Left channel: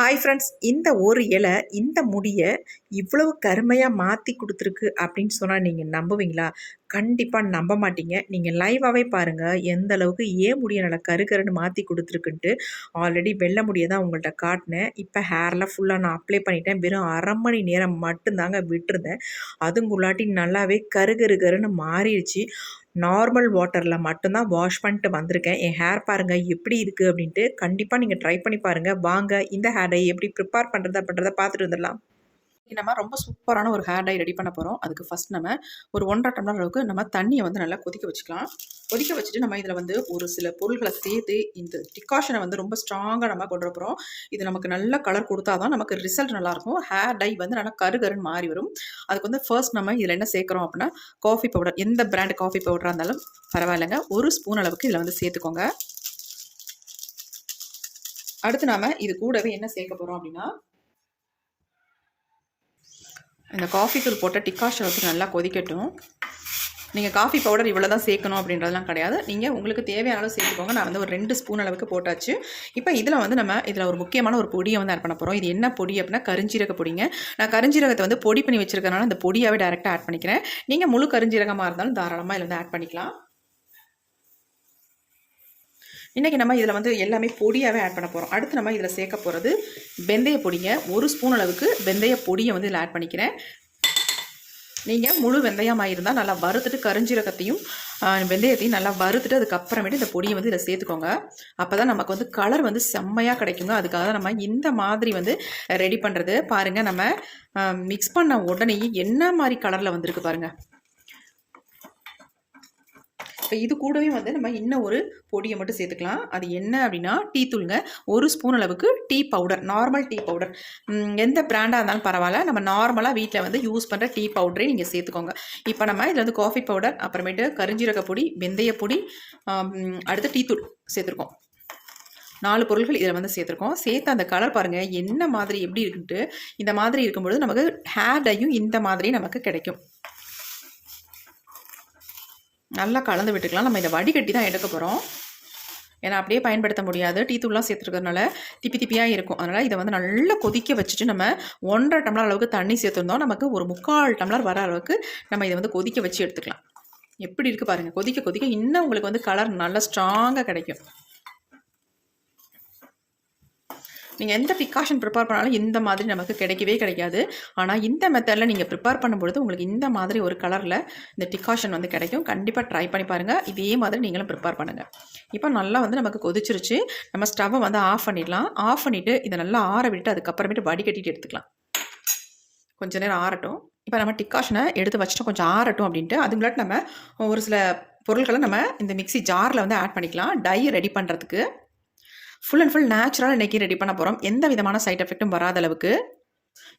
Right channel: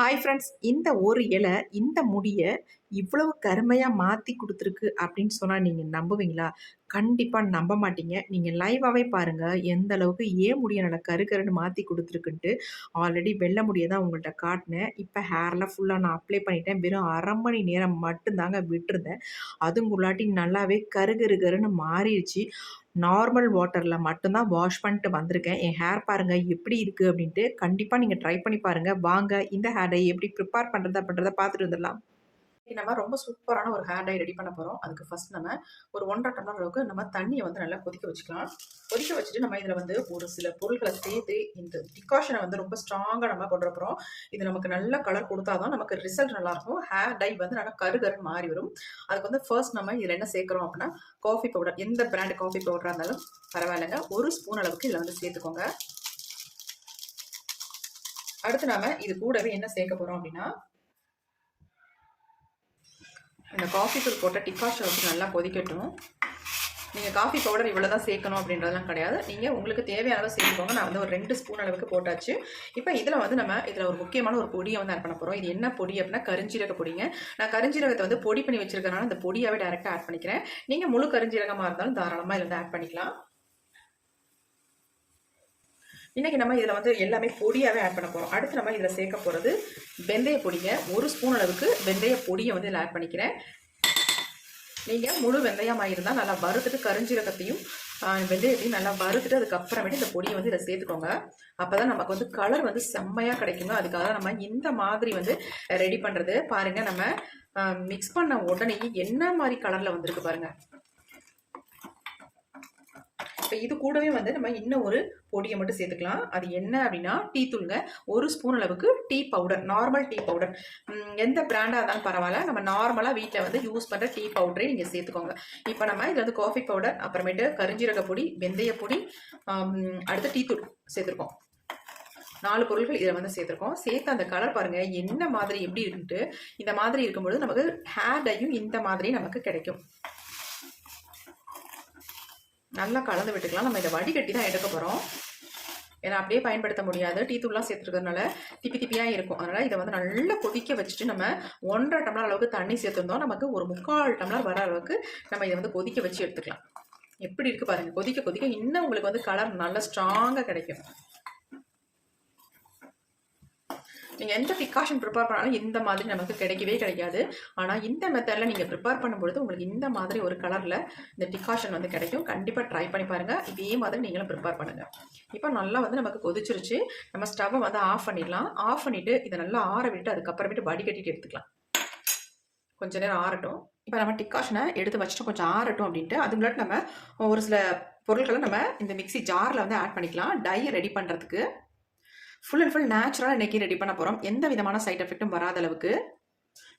Hi friends இந்த ஒரு இலை இந்த முடியை இவ்வளவு கருமையாக மாற்றி கொடுத்துருக்கு அப்படின்னு சொன்னால் நீங்கள் நம்புவீங்களா? கண்டிப்பாக நம்ப மாட்டீங்க. நீங்கள் லைவாகவே பாருங்கள் எந்த அளவுக்கு ஏன் முடியை நல்லா கருகருன்னு மாற்றி கொடுத்துருக்குன்ட்டு ஆல்ரெடி வெள்ளை முடியை தான் உங்கள்கிட்ட காட்டினேன். இப்போ ஹேர்லாம் ஃபுல்லாக நான் அப்ளை பண்ணிட்டேன். வெறும் அரை மணி நேரம் மட்டும்தாங்க விட்டுருந்தேன். அதுங்குள்ளாட்டி நல்லாவே கருகருகருன்னு மாறிடுச்சு. நார்மல் வாட்டரில் மட்டும்தான் வாஷ் பண்ணிட்டு வந்திருக்கேன். என் ஹேர் பாருங்கள் எப்படி இருக்குது அப்படின்ட்டு கண்டிப்பாக நீங்கள் ட்ரை பண்ணி பாருங்கள் வாங்க இந்த ஹேரை எப்படி ப்ரிப்பேர் பண்ணுறது அப்படின்றத பார்த்துட்டு வந்துடலாம். நம்ம ரொம்ப சூப்பரான ஒரு ஹேர் டை ரெடி பண்ண போகிறோம் அதுக்கு ஃபஸ்ட் நம்ம ஒரு ஒன்றரை டம்ளர் அளவுக்கு நம்ம தண்ணியை வந்து நல்லா கொதிக்க வச்சுக்கலாம். கொதிக்க வச்சுட்டு நம்ம இதில் வந்து ஒரு சில பொருள்களை சேர்த்து இந்த டிகாஷனை வந்து ரொம்ப ஸ்ட்ராங்காக நம்ம கொண்டு போகிறோம் இது நமக்கு நல்ல கலர் கொடுத்தா தான் நமக்கு ரிசல்ட் நல்லாயிருக்கும். ஹேர் டை வந்து நல்லா கருகருன்னு மாறி வரும். அதுக்கு வந்து ஃபர்ஸ்ட் நம்ம இதில் என்ன சேர்க்குறோம் அப்படின்னா காஃபி பவுடர் எந்த பிராண்ட் காஃபி பவுடராக இருந்தாலும் பரவாயில்லைங்க. ஒரு ஸ்பூன் அளவுக்கு இதில் வந்து சேர்த்துக்கோங்க. அடுத்து நாம இது கூடவே என்ன சேர்க்க போகிறோம் அப்படின்னா இந்த காஃபி தூள் போட்ட டிக்காஷன் வச்சு நல்லா கொதிக்கட்டும். நீங்கள் காஃபி பவுடர் இவ்வளோ தான் சேர்க்கணும் அப்படின்றதெல்லாம் கிடையாது. நீங்கள் உங்களுக்கு தேவையான அளவு சேர்த்துக்கோங்க. நான் வந்து ஒரு ரெண்டு ஸ்பூன் அளவுக்கு போட்டாச்சு. இப்போ இதில் வந்து நம்ம இதில் ஒரு முக்கியமான ஒரு பொடியை வந்து ஆட் பண்ண போகிறோம் இது என்ன பொடி அப்படின்னா கருஞ்சீரக பொடிங்க. நான் கருஞ்சீரகத்தை வந்து பொடி பண்ணி வச்சிருக்கனால அந்த பொடியாகவே டேரெக்டாக ஆட் பண்ணிக்கிறேன். நீங்கள் முழு கருஞ்சீரகமாக இருந்தாலும் தாராளமாக இதில் வந்து ஆட் பண்ணிக்கலாம். இன்றைக்கி நம்ம இதில் வந்து எல்லாமே பொடியாகவே ஆட் பண்ண போகிறோம் அடுத்து நம்ம இதில் சேர்க்க போகிறது வெந்தய பொடியை ஒரு ஸ்பூன் அளவுக்கு வெந்தய பொடியை வந்து இதில் ஆட் பண்ணிக்கிறேன். நீங்கள் முழு வெந்தயமாக இருந்தால் நல்லா வறுத்துட்டு கரிஞ்சீரகத்தையும் வெந்தயத்தையும் நல்லா வறுத்துட்டு அதுக்கப்புறமேட்டு இந்த பொடியை வந்து இதில் சேர்த்துக்கோங்க. அப்போ தான் நமக்கு வந்து கலர் வந்து செம்மையாக கிடைக்குங்க. அதுக்காக நம்ம இந்த மாதிரி வந்து ரெடி பண்ணுறது பாருங்கள் நம்ம மிக்ஸ் பண்ண உடனே என்ன மாதிரி கலரில் வந்திருக்கு பாருங்கள் இப்போ இது கூடவே வந்து நம்ம இன்னும் ஒரு பொடியை மட்டும் சேர்த்துக்கலாம். அது என்ன அப்படின்னா டீ தூளுங்க. ஒரு ஸ்பூன் அளவுக்கு tea powder normal tea powder. எந்த பிராண்டாக இருந்தாலும் பரவாயில்ல. நம்ம நார்மலாக வீட்டில் வந்து யூஸ் பண்ணுற டீ பவுடரே நீங்கள் சேர்த்துக்கோங்க. இப்போ நம்ம இதில் வந்து காஃபி பவுடர் அப்புறமேட்டு கரிஞ்சீரக பொடி வெந்தய பொடி அடுத்து டீ தூள் சேர்த்துருக்கோம். நாலு பொருட்கள் இதில் வந்து சேர்த்துருக்கோம். சேர்த்து அந்த கலர் பாருங்கள் என்ன மாதிரி எப்படி இருக்குன்ட்டு. இந்த மாதிரி இருக்கும்பொழுது நமக்கு ஹேர் டையும் இந்த மாதிரி நமக்கு கிடைக்கும். நல்லா கலந்து விட்டுக்கலாம். நம்ம இதை வடிகட்டி தான் எடுக்க போகிறோம் ஏன்னா அப்படியே பயன்படுத்த முடியாது. டீ தூள்லாம் சேர்த்துருக்கிறதுனால திப்பி திப்பியாக இருக்கும். அதனால் இதை வந்து நல்லா கொதிக்க வச்சுட்டு நம்ம ஒன்றரை டம்ளர் அளவுக்கு தண்ணி சேர்த்துருந்தோம். நமக்கு ஒரு முக்கால் டம்ளர் வர அளவுக்கு நம்ம இதை வந்து கொதிக்க வச்சு எடுத்துக்கலாம். எப்படி இருக்குது பாருங்கள் கொதிக்க கொதிக்க இன்னும் உங்களுக்கு வந்து கலர் நல்லா ஸ்ட்ராங்காக கிடைக்கும். நீங்கள் எந்த பிகாஷன் ப்ரிப்பேர் பண்ணாலும் இந்த மாதிரி நமக்கு கிடைக்கவே கிடைக்காது. ஆனால் இந்த மெத்தடில் நீங்கள் ப்ரிப்பேர் பண்ணும்பொழுது உங்களுக்கு இந்த மாதிரி ஒரு கலரில் இந்த டிகாஷன் வந்து கிடைக்கும். கண்டிப்பாக ட்ரை பண்ணி பாருங்கள் இதே மாதிரி நீங்களும் ப்ரிப்பேர் பண்ணுங்கள் இப்போ நல்லா வந்து நமக்கு கொதிச்சிருச்சு. நம்ம ஸ்டவ்வை வந்து ஆஃப் பண்ணிடலாம். ஆஃப் பண்ணிவிட்டு இதை நல்லா ஆற விட்டு அதுக்கப்புறமேட்டு வடிகட்டிட்டு எடுத்துக்கலாம். கொஞ்ச நேரம் ஆறட்டும். இப்போ நம்ம டிக்காஷனை எடுத்து வச்சுட்டு கொஞ்சம் ஆறட்டும் அப்படின்ட்டு அதுங்களாட்டு நம்ம ஒரு சில பொருட்களை நம்ம இந்த மிக்சி ஜாரில் வந்து ஆட் பண்ணிக்கலாம். டை ரெடி பண்ணுறதுக்கு ஃபுல் அண்ட் ஃபுல் நேச்சுரலாக இன்றைக்கி ரெடி பண்ண போகிறோம் எந்த விதமான சைட் எஃபெக்ட்டும் வராத அளவுக்கு.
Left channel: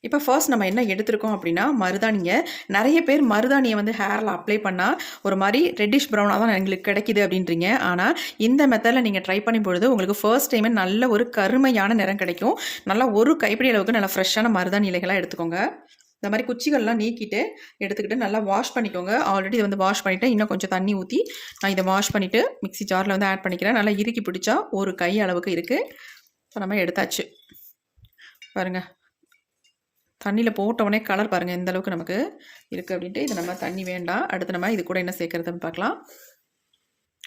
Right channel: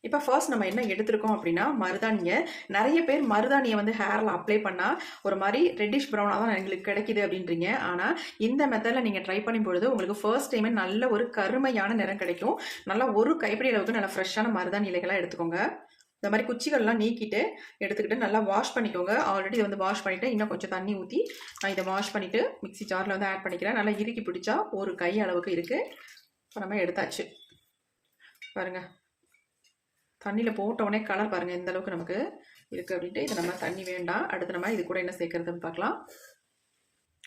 இப்போ ஃபர்ஸ்ட் நம்ம என்ன எடுத்திருக்கோம் அப்படின்னா மருதாணியை நிறைய பேர் மருதாணியை வந்து ஹேரில் அப்ளை பண்ணால் ஒரு மாதிரி ரெட்டிஷ் ப்ரௌனாக தான் எங்களுக்கு கிடைக்கிது அப்படின்றீங்க. ஆனால் இந்த மெத்தடில் நீங்கள் ட்ரை பண்ணும் பொழுது உங்களுக்கு ஃபர்ஸ்ட் டைமே நல்ல ஒரு கருமையான நிறம் கிடைக்கும். நல்லா ஒரு கைப்பிடி அளவுக்கு நல்லா ஃப்ரெஷ்ஷான மருதாணி இலைகளாக எடுத்துக்கோங்க. இந்த மாதிரி குச்சிகள்லாம் நீக்கிட்டு எடுத்துக்கிட்டு நல்லா வாஷ் பண்ணிக்கோங்க. ஆல்ரெடி இதை வந்து வாஷ் பண்ணிவிட்டேன் இன்னும் கொஞ்சம் தண்ணி ஊற்றி நான் இதை வாஷ் பண்ணிவிட்டு மிக்சி ஜாரில் வந்து ஆட் பண்ணிக்கிறேன். நல்லா இறுக்கி பிடிச்சா ஒரு கை அளவுக்கு இருக்குது இப்போ நம்ம எடுத்தாச்சு. பாருங்கள் தண்ணியில் போட்டவுடனே கலர் பாருங்கள் எந்த அளவுக்கு நமக்கு இருக்குது அப்படின்ட்டு. இது நம்ம தண்ணி வேண்டாம். அடுத்து நம்ம இது கூட என்ன சேர்க்குறதுன்னு பார்க்கலாம்.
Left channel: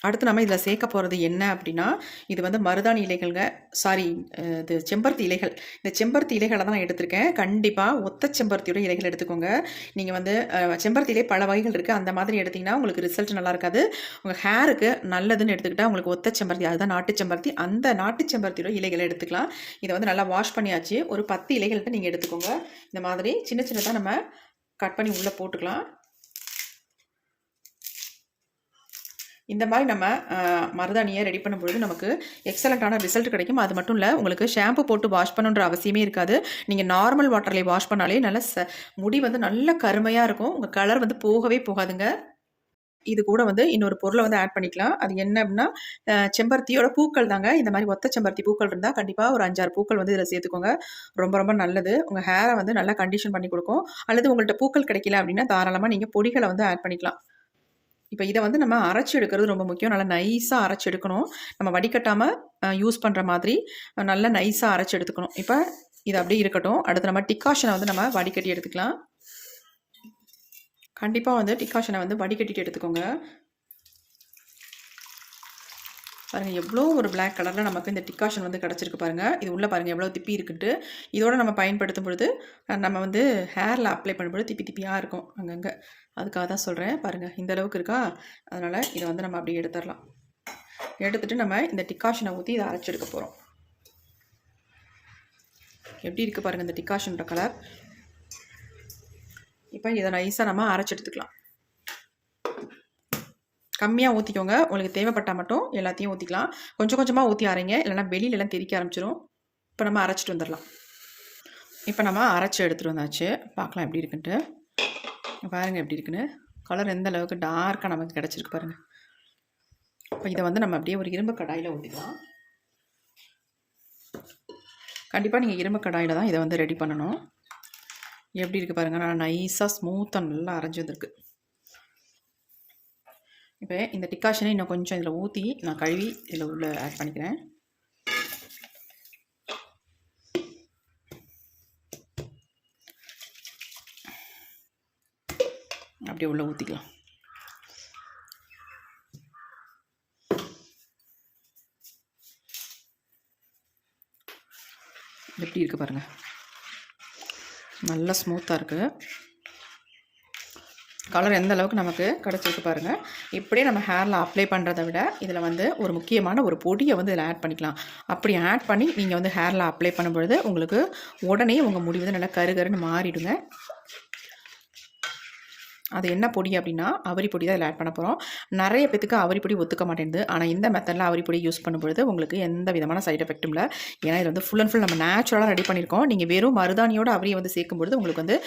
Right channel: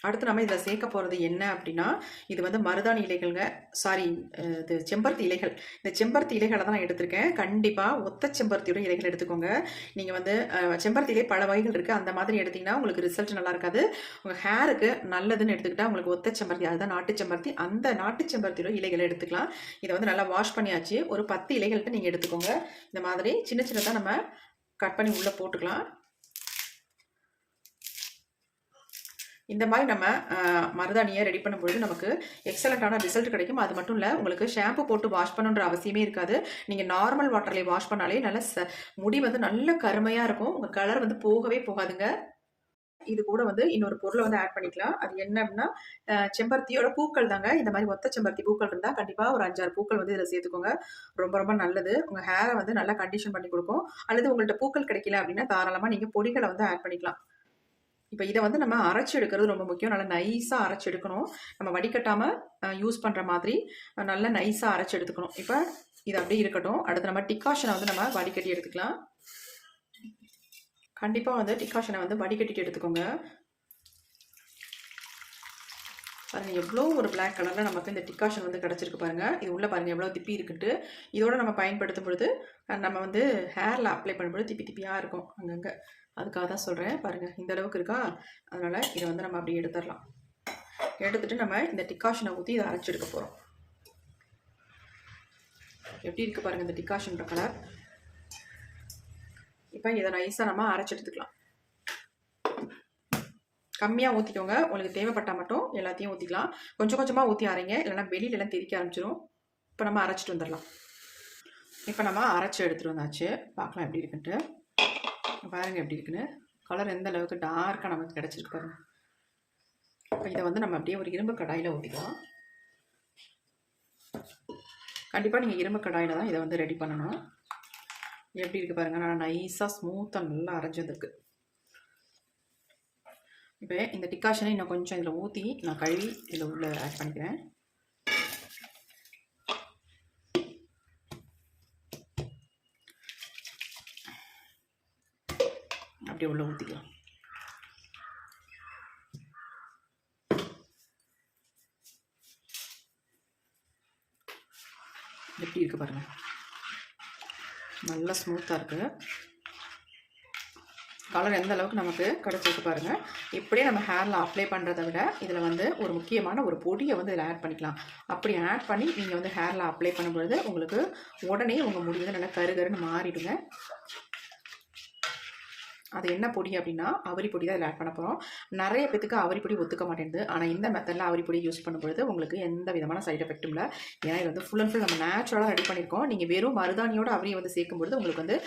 அடுத்து நம்ம இதில் சேர்க்க போகிறது என்ன அப்படின்னா இது வந்து மருதாணி இலைகள்ங்க. சாரி இது செம்பருத்தி இலைகள். இந்த செம்பருத்தி இலைகளை தான் நான் எடுத்திருக்கேன். கண்டிப்பாக ஒத்த செம்பருத்தியோட இலைகள் எடுத்துக்கோங்க. நீங்கள் வந்து செம்பருத்திலே பல வகைகள் இருக்குது அந்த மாதிரி எடுத்திங்கன்னா உங்களுக்கு ரிசல்ட் நல்லா இருக்காது. உங்கள் ஹேருக்கு நல்லதுன்னு எடுத்துக்கிட்டால் உங்களுக்கு ஒத்த செம்பருத்தி அதுதான் நாட்டு செம்பருத்தி. அந்த நாட்டு செம்பருத்தியோட இலைகளை எடுத்துக்கலாம். இதை வந்து நல்லா வாஷ் பண்ணியாச்சு. ஒரு பத்து இலைகளுக்கு நீங்கள் எடுத்துக்கோங்க. இந்த மாதிரி சின்ன சின்னதாக நம்ம கட் பண்ணி உள்ளே போட்டுக்கலாம். இந்த மாதிரி நம்ம மருதாணியை ரெடி பண்ணும்பொழுது நமக்கு எக்ஸலண்ட்டான ரிசல்ட் கிடைக்கும். அது மட்டும் இல்லை உங்களுக்கு ஷாம்பு போட்டு வாஷ் பண்ணுன்ற அவசியமே இருக்காது. நீங்கள் நார்மல் வாட்டர்லேயே வாஷ் பண்ணாலே நல்ல ச முடி வந்து நல்ல கருமையாக இருக்கும். உங்கள் கலர் வந்து போகவே போகாதுங்க. இது கூட வந்து இன்னொரு பொருளை வந்து ஆட் பண்ணிக்கலாம். அது என்ன அப்படின்னா செம்பருத்தியோட பூக்கள் தாங்க. இந்த மாதிரி ஒத்த செம்பருத்தி பூக்கள் இருந்தால் கண்டிப்பாக ஒரு அஞ்சாறு பூக்கள் வந்து இதில் சேர்த்துக்கோங்க. ரொம்ப ரொம்ப நல்லது. உங்கள் ஹேரை வந்து நல்லா கண்டிஷன் பண்ணி கொடுக்கும். அல்லது உங்கள்கிட்ட பூக்கள் கிடைக்கல அப்படின்னா தாராளமாக நீங்கள் பொடிகளை வந்து ஆட் பண்ணிக்கலாம். இப்போ இதை வந்து நம்ம அரைச்சி எடுக்கிறது ரொம்ப முக்கியம். நல்லா நைஸாக அரைச்சி எடுக்கணும். நம்ம வடிகட்டாமல் யூஸ் பண்ணுற மாதிரி நல்லா நைஸாக அரைச்சி எடுத்துக்கணும். இப்போ இது அப்படியே இருக்கட்டும். அடுத்து நம்ம டிக்காஷனை வந்து நம்ம வடிகட்டி எடுத்துக்கலாம். கண்டிப்பாக வந்து டிக்காஷனை வந்து வடிகட்டிட்டு எடுத்துக்கோங்க. பாருங்கள் எவ்வளோ ஒரு பிளாக் கலரில் நமக்கு இந்த டிக்காஷன் வந்து கிடச்சிருக்கு பாருங்கள் இது உள்ளே பாருங்கள் எவ்வளோ திப்பி இருக்குன்ட்டு. இதோட நம்ம பயன்படுத்தும் பொழுது நம்ம வந்து ஹேரில் அப்ளை பண்ணும்பொழுது திப்பி திப்பியாக இருக்கும். அங்கங்கே. அதுக்காக தான் சொல்கிறேன் பாருங்கள் இந்த அளவுக்கு இருக்கா? அதனால் இதை வந்து நம்ம அப்படியே எடுத்துடலாம். எடுத்துகிட்டு நம்ம இந்த டிக்காஷனை ஊற்றி இதை அரைச்சி எடுக்க போகிறோம் எப்படி இருக்குது பாருங்கள் இந்த டிக்காஷனோட கலர் இப்போ இதை நைஸாக நம்ம அரைச்சி எடுத்துக்கலாம். கம்மியாக ஊற்றிக்கோங்க உங்களுக்கு தேவைப்பட்டால் மட்டும் எல்லாத்தையும் ஊற்றிக்கலாம் கொஞ்சம் கொஞ்சமாக ஊற்றி அரைங்க. இல்லைன்னா வெளியில எல்லாம் தெறிக்க ஆரம்பிச்சிரும். இப்போ நம்ம அரைச்சிட்டு வந்துடலாம். இப்போ நம்ம அரைச்சி எடுத்துகிட்டு வந்தாச்சு. பார்க்கலாம் எப்படி இருக்குன்ட்டு. பாருங்கள் எப்படி இருக்குன்னு. கலர் எந்த அளவுக்கு டார்க்காக நமக்கு கிடச்சிருக்கு பாருங்கள் இப்போ இதை வந்து நம்ம அப்படியே ஒரு இரும்பு கடாயில் ஊற்றிக்கலாம் கண்டிப்பாக நீங்கள் இரும்பு கடாயில் தான் இதை வந்து ரெடி பண்ணணும். எப்படி இருக்குது பாருங்கள் நான் நைஸாக ஸ்மூத்தாக நல்லா அரைஞ்சி வந்திருக்கு இப்போ இந்த டிக்காஷனை இன்னும் கொஞ்சம் இதில் ஊற்றி நான் கழுவி இதில் உள்ள ஆட் பண்ணிக்கிறேன். அப்படியே உள்ள ஊற்றிக்கலாம். எப்படி இருக்குது பாருங்கள் நல்லா ஸ்மூத்தாக இருக்குது கலர் எந்த அளவுக்கு நமக்கு கிடச்சிருக்கு பாருங்கள் இப்படியே நம்ம ஹேரில் அப்ளை பண்ணுறதை விட இதில் வந்து ஒரு முக்கியமான ஒரு பொடியை வந்து இதில் ஆட் பண்ணிக்கலாம். அப்படி ஆட் பண்ணி நீங்கள் வந்து ஹேரில் அப்ளை பண்ணும்பொழுது உங்களுக்கு உடனே உங்கள் முடிவு நல்லா கருகருன்னு மாறிடுங்க. அது என்ன பொடி அப்படின்னா அவரி பொடி தான் இதில் ஆட் பண்ண போகிறோம் நிறைய பேத்துக்கு அவரி பொடி ஒத்துக்க மாட்டேங்குது ஆனால் இந்த மெத்தடில் அவரி பொடி யூஸ் பண்ணும்பொழுது உங்களுக்கு எந்த விதமான சைடு எஃபெக்ட்டும் இல்லை. ஏன்னா இது வந்து ஃபுல் அண்ட் ஃபுல் நம்ம நேச்சுரலாக ரெடி பண்ணியிருக்கோம் நீங்கள் வெறும் மருதாணியோட அவரியை வந்து சேர்க்கும்பொழுது உங்களுக்கு வந்து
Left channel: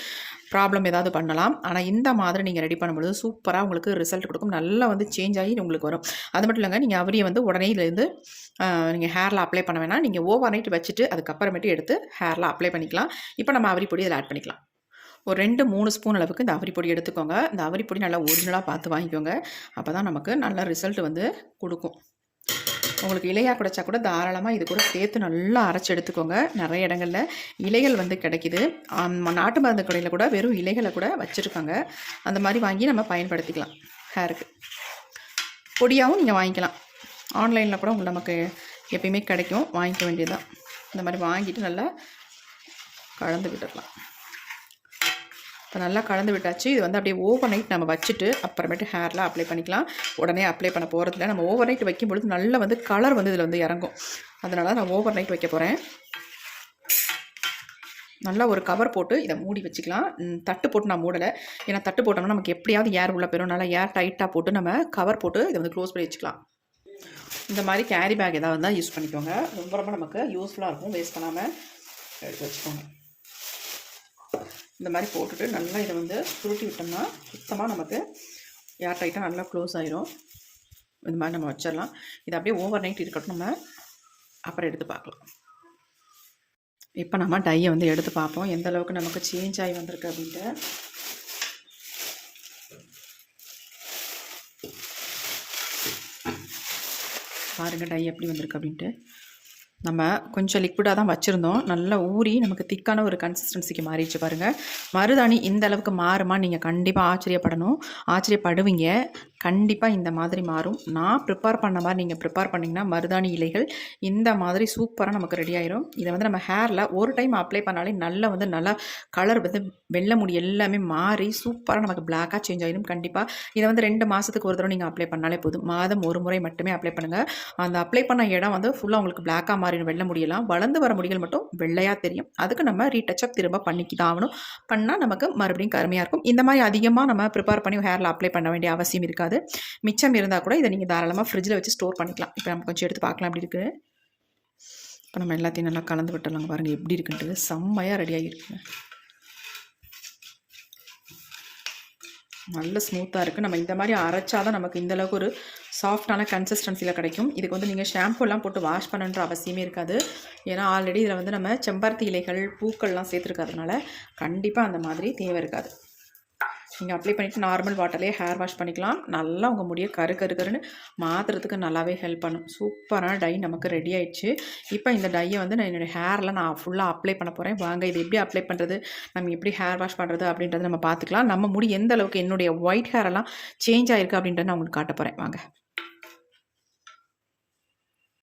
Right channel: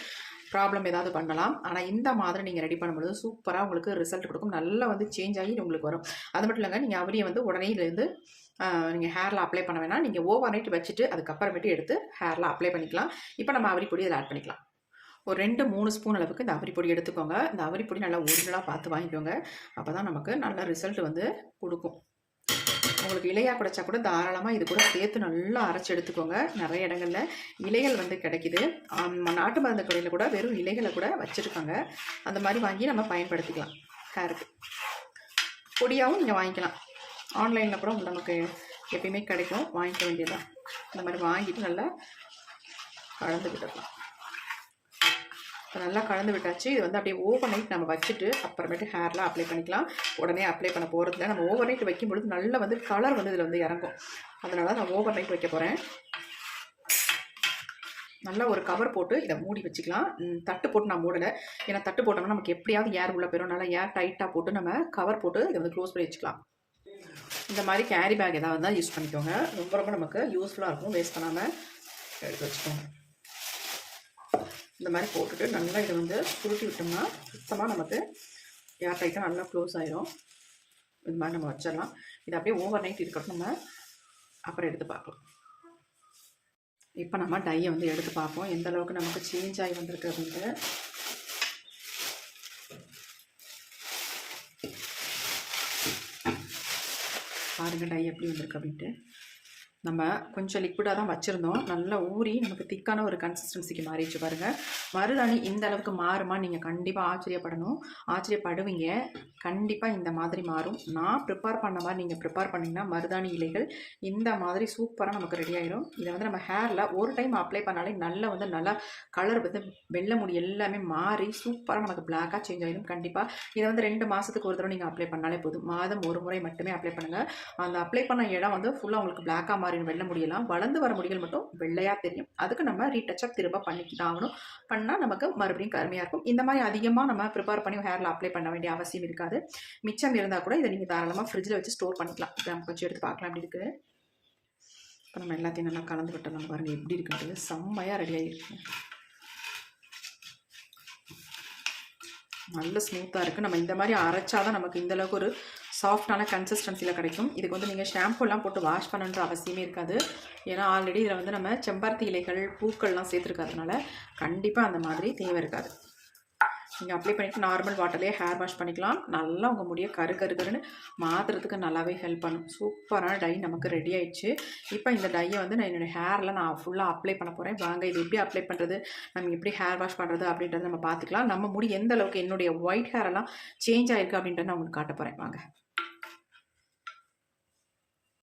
ப்ராப்ளம் ஏதாவது பண்ணலாம். ஆனால் இந்த மாதிரி நீங்கள் ரெடி பண்ணும்பொழுது சூப்பராக உங்களுக்கு ரிசல்ட் கொடுக்கும். நல்லா வந்து சேஞ்ச் ஆகி உங்களுக்கு வரும். அது மட்டும் இல்லைங்க நீங்கள் அவரியை வந்து உடனே இதுலேருந்து நீங்கள் ஹேரில் அப்ளை பண்ண வேணாம். நீங்கள் ஓவர் நைட் வச்சுட்டு அதுக்கப்புறமேட்டு எடுத்து ஹேரில் அப்ளை பண்ணிக்கலாம். இப்போ நம்ம அவரி பொடி இதில் ஆட் பண்ணிக்கலாம். ஒரு ரெண்டு மூணு ஸ்பூன் அளவுக்கு இந்த அவரி பொடி எடுத்துக்கோங்க. இந்த அவரி பொடி நல்லா ஒரிஜினலாக பார்த்து வாங்கிக்கோங்க. அப்போ தான் நமக்கு நல்ல ரிசல்ட் வந்து கொடுக்கும். உங்களுக்கு இலையாக கிடைச்சா கூட தாராளமாக இது கூட சேர்த்து நல்லா அரைச்சி எடுத்துக்கோங்க. நிறைய இடங்களில் இலைகள் வந்து கிடைக்குது. நாட்டு மருந்து கடையில் கூட வெறும் இலைகளை கூட வச்சுருக்காங்க. அந்த மாதிரி வாங்கி நம்ம பயன்படுத்திக்கலாம். ஹேருக்கு பொடியாகவும் நீங்கள் வாங்கிக்கலாம். ஆன்லைனில் கூட உங்களுக்கு நமக்கு எப்பயுமே கிடைக்கும். வாங்கிக்க வேண்டியதுதான். இந்த மாதிரி வாங்கிட்டு நல்லா கலந்து இப்போ நல்லா கலந்து விட்டாச்சு. இது வந்து அப்படியே ஓவர் நைட் நம்ம வச்சுட்டு அப்புறமேட்டு ஹேரில் அப்ளை பண்ணிக்கலாம். உடனே அப்ளை பண்ண போகிறதில்ல நம்ம ஓவர் நைட் வைக்கும் பொழுது நல்லா வந்து கலர் வந்து இதில் வந்து இறங்கும். அதனால நான் ஓவர் நைட் வைக்க போகிறேன் நல்லா ஒரு கவர் போட்டு இதை மூடி வச்சுக்கலாம். தட்டு போட்டு நான் மூடலை. ஏன்னா தட்டு போட்டோம்னா நமக்கு எப்படியாவது ஏர் உள்ள போயிடும் நல்லா ஏர் டைட்டாக போட்டு நம்ம கவர் போட்டு இதை வந்து க்ளோஸ் பண்ணி வச்சுக்கலாம். இந்த மாதிரி கேரி பேக் ஏதாவது தான் யூஸ் பண்ணிக்கோங்க. ரொம்ப ரொம்ப நமக்கு யூஸ்ஃபுல்லாக இருக்கும். வேஸ்ட் பண்ணாமல் எடுத்து வச்சுக்கோங்க. இந்த மாதிரி போட்டுட்டு நல்லா இதை வந்து சுருட்டி விட்டோம்னா சுத்தமாக நமக்கு ஏர் டைட்டாக நல்லா க்ளோஸ் ஆயிரும். இந்த மாதிரி நம்ம வச்சிடலாம். இது அப்படியே ஓவர் நைட் இருக்கட்டும் நம்ம அப்புறம் எடுத்து பார்க்கலாம். இப்போ நம்ம டையை வந்து எடுத்து பார்ப்போம். எந்த அளவுக்கு நமக்கு சேஞ்ச் ஆகி வந்திருக்கு அப்படின்ட்டு. பாருங்கள் டை எப்படி வந்திருக்கு அப்படின்ட்டு. நம்ம கொஞ்சம் லிக்விடாக தான் வச்சுருந்தோம். நல்லா ஊறி நமக்கு திக்கான ஒரு கன்சிஸ்டன்சிக்கு மாறிடுச்சு பாருங்கள் மருதாணி இந்த அளவுக்கு மாறுமா நீங்கள் கண்டிப்பாக ஆச்சரியப்படணும். ஆச்சரியப்படுவீங்க. கண்டிப்பாக இந்த மாதிரி மாறும். நான் ப்ரிப்பேர் பண்ண மாதிரி நீங்கள் ப்ரிப்பேர் பண்ணிங்கன்னா மருதாணி இலைகள் இந்த மாதிரி சூப்பராக நமக்கு ரெடி ஆயிரும். இதை வந்து நம்ம ஹேரில் ஒரு டைம் அப்ளை பண்ணாலே நல்லா வந்து நல்லா கலர் வந்து வெள்ளை முடி எல்லாமே மாறி சூப்பராக நமக்கு பிளாக்காக சேஞ்ச் ஆயிடும் கண்டிப்பாக இதை வந்து ரெண்டு மாதத்துக்கு ஒரு தடவை நீங்கள் அப்ளை பண்ணாலே போதும். மாதம் ஒரு முறை மட்டுமே அப்ளை பண்ணுங்கள் அந்த அப்ளை பண்ண இடம் வந்து ஃபுல்லாக உங்களுக்கு பிளாக்காக மாறிடும் வெள்ளை முடியெல்லாம். வளர்ந்து வர முடிகள் மட்டும் வெள்ளையாக தெரியும். அதுக்கு நம்ம ரீடச்சப் திரும்ப பண்ணிக்கி தான் ஆகணும். பண்ணால் நமக்கு மறுபடியும் கருமையாக இருக்கும். இந்த மாதிரி அதிகமாக நம்ம ப்ரிப்பேர் பண்ணி ஹேரில் அப்ளை பண்ண வேண்டிய அவசியம் இருக்காது. மிச்சம் இருந்தால் கூட இதை நீங்கள் தாராளமாக ஃப்ரிட்ஜில் வச்சு ஸ்டோர் பண்ணிக்கலாம். இப்போ நம்ம கொஞ்சம் எடுத்து பார்க்கலாம் அப்படி இருக்குது இப்போ நம்ம எல்லாத்தையும் நல்லா கலந்து விட்டுடலாம் பாருங்கள் எப்படி இருக்குன்ட்டு செம்மையாக ரெடி ஆகிருக்குங்க நல்ல ஸ்மூத்தாக இருக்குது நம்ம இந்த மாதிரி அரைச்சாதான் நமக்கு இந்த அளவுக்கு ஒரு சாஃப்டான கன்சிஸ்டன்சியில் கிடைக்கும். இதுக்கு வந்து நீங்கள் ஷாம்புலாம் போட்டு வாஷ் பண்ணுன்ற அவசியமே இருக்காது. ஏன்னா ஆல்ரெடி இதில் வந்து நம்ம செம்பருத்தி இலைகள் பூக்கள்லாம் சேர்த்துருக்கறதுனால கண்டிப்பாக அந்த மாதிரி தேவை இருக்காது. நீங்கள் அப்ளை பண்ணிவிட்டு நார்மல் வாட்டர்லேயே ஹேர் வாஷ் பண்ணிக்கலாம். நல்லா உங்கள் முடியை கரு கரு கருன்னு மாற்றுறதுக்கு நல்லாவே ஹெல்ப் பண்ணும். சூப்பரான டை நமக்கு ரெடி ஆயிடுச்சு. இப்போ இந்த டையை வந்து நான் என்னோடய ஹேரில் நான் ஃபுல்லாக அப்ளை பண்ண போகிறேன் வாங்க இது எப்படி அப்ளை பண்ணுறது நம்ம எப்படி ஹேர் வாஷ் பண்ணுறது அப்படின்றத நம்ம பார்த்துக்கலாம். நம்ம முடி எந்த அளவுக்கு என்னுடைய ஒயிட் ஹேரெல்லாம் சேஞ்ச் ஆயிருக்கு அப்படின்றத நான் உங்களுக்கு காட்ட போகிறேன் வாங்க.